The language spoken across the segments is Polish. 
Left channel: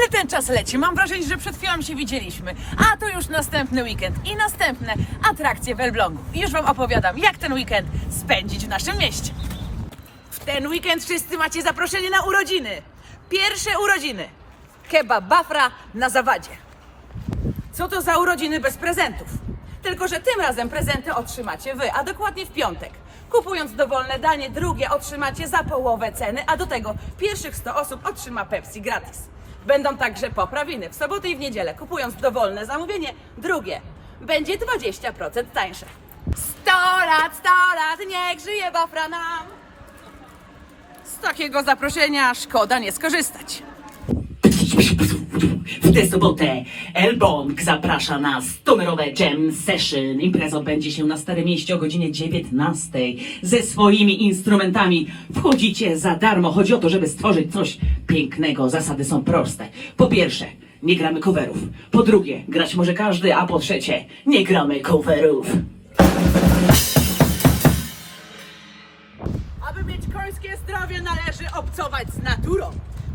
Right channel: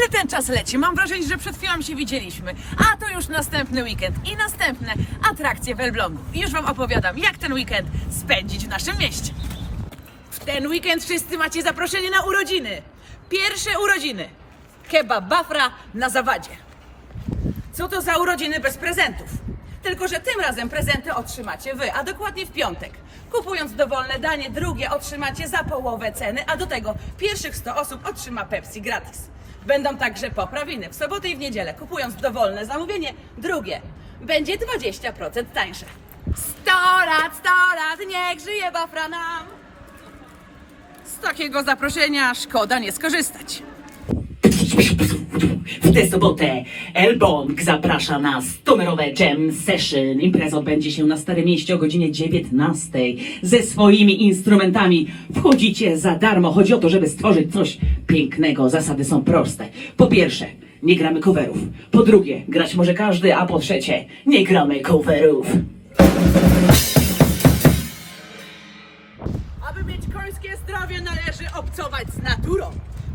Ale ten czas leci. Mam wrażenie, że przed chwilą się widzieliśmy. A to już następny weekend i następne atrakcje w Elblągu. I już Wam opowiadam, jak ten weekend spędzić w naszym mieście. W ten weekend wszyscy macie zaproszenie na urodziny. Pierwsze urodziny. Kebab Bafra na zawadzie. Co to za urodziny bez prezentów? Tylko, że tym razem prezenty otrzymacie wy, a dokładnie w piątek. Kupując dowolne danie, drugie otrzymacie za połowę ceny, a do tego pierwszych 100 osób otrzyma Pepsi gratis. Będą także poprawiny w sobotę i w niedzielę. Kupując dowolne zamówienie, drugie będzie 20% tańsze. 100 lat, 100 lat, niech żyje Bafra nam! Z takiego zaproszenia szkoda nie skorzystać. W tę sobotę Elbong zaprasza na stonerowe Jam Session. Impreza odbędzie się na Starym Mieście o godzinie 19 ze swoimi instrumentami. Wchodzicie za darmo. Chodzi o to, żeby stworzyć coś pięknego. Zasady są proste. Po pierwsze, nie gramy coverów. Po drugie, grać może każdy, a po trzecie, nie gramy coverów. Aby mieć końskie zdrowie, należy obcować z.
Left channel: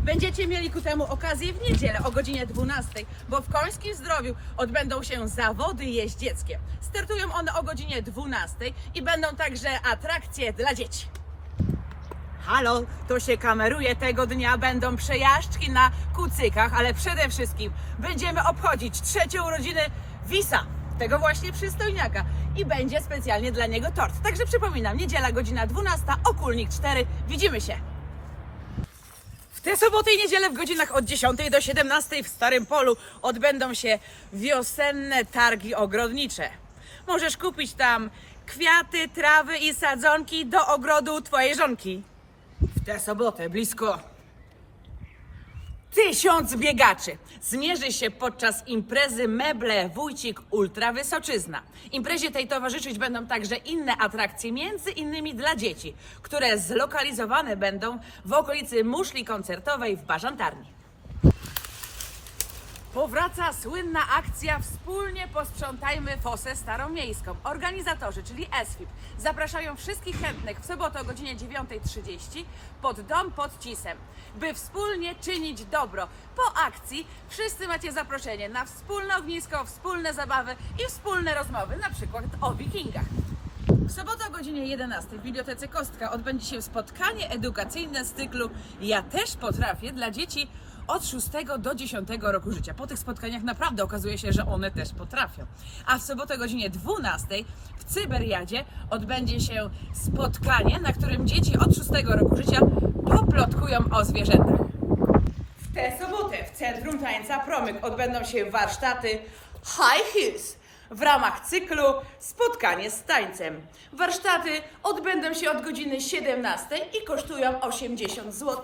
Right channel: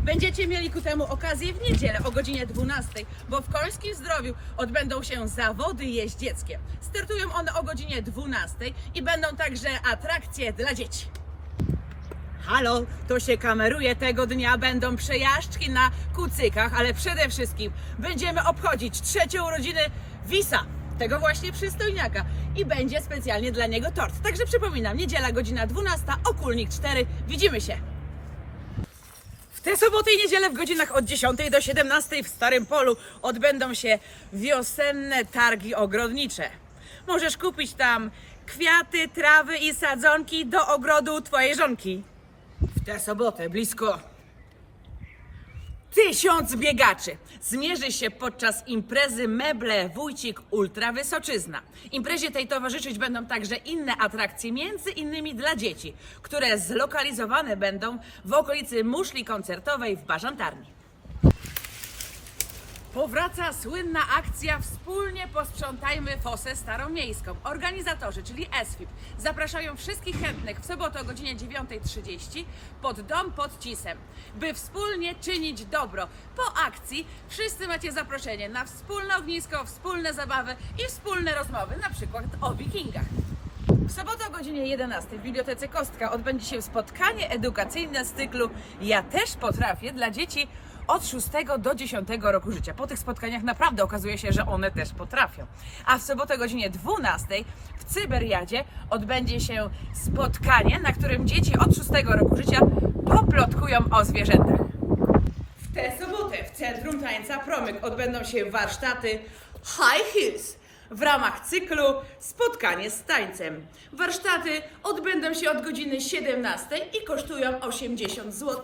Będziecie mieli ku temu okazję w niedzielę o godzinie 12, bo w Końskim Zdrowiu odbędą się zawody jeździeckie. Startują one o godzinie 12 i będą także atrakcje dla dzieci. Halo, to się kameruje. Tego dnia będą przejażdżki na kucykach, ale przede wszystkim będziemy obchodzić trzecie urodziny Wisa, tego właśnie przystojniaka. I będzie specjalnie dla niego tort. Także przypominam, niedziela godzina 12, Okulnik 4. Widzimy się. W tę sobotę i niedzielę w godzinach od 10 do 17 w Starym Polu odbędą się wiosenne targi ogrodnicze. Możesz kupić tam kwiaty, trawy i sadzonki do ogrodu twojej żonki. W tę sobotę blisko tysiąc biegaczy zmierzy się podczas imprezy Meble Wójcik Ultra Wysoczyzna. Imprezie tej towarzyszyć będą także inne atrakcje, między innymi dla dzieci, które zlokalizowane będą w okolicy muszli koncertowej w Bażantarni. Powraca słynna akcja Wspólnie posprzątajmy fosę staromiejską. Organizatorzy, czyli ESFIP, zapraszają wszystkich chętnych w sobotę o godzinie 9.30 pod dom pod Cisem, by wspólnie czynić dobro. Po akcji wszyscy macie zaproszenie na wspólne ognisko, wspólne zabawy i wspólne rozmowy, na przykład o wikingach. W sobotę o godzinie 11 w Bibliotece Kostka odbędzie się spotkanie edukacyjne z cyklu Ja też potrafię dla dzieci od 6 do 10 roku życia. Po tych spotkaniach naprawdę okazuje się, że one też potrafią. A w sobotę godzinie 12 w Cyberiadzie odbędzie się spotkanie, na którym dzieci od 6 roku życia poplotkują o zwierzętach. W tę sobotę w Centrum Tańca Promyk odbędą się warsztaty High Heels w ramach cyklu Spotkanie z tańcem. Warsztaty odbędą się od godziny 17 i kosztują 80 zł.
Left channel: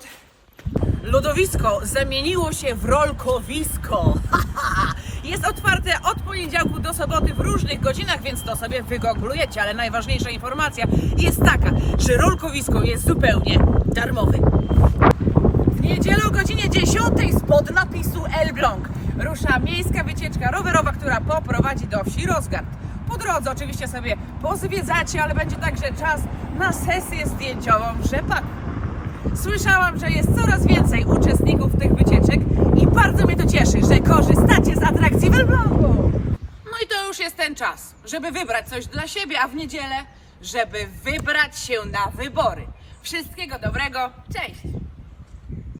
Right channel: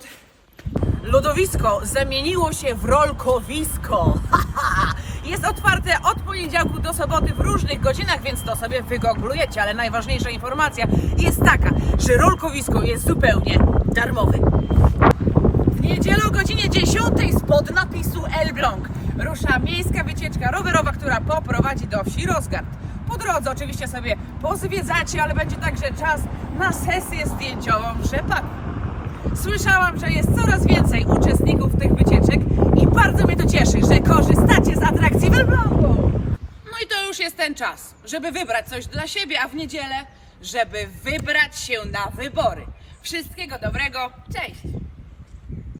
Lodowisko zamieniło się w rolkowisko. Jest otwarte od poniedziałku do soboty w różnych godzinach, więc to sobie wygooglujecie, ale najważniejsza informacja jest taka, że rolkowisko jest zupełnie darmowe. W niedzielę o godzinie 10 spod napisu Elbląg rusza miejska wycieczka rowerowa, która poprowadzi do wsi Rozgard. Po drodze oczywiście sobie pozwiedzacie, ale będzie także czas na sesję zdjęciową w rzepaku. Słyszałam, że jest coraz więcej uczestników tych wycieczek i bardzo mnie to cieszy, że korzystacie z atrakcji Elblągu. No i to już jest ten czas, żeby wybrać coś dla siebie, a w niedzielę, żeby wybrać się na wybory. Wszystkiego dobrego, cześć!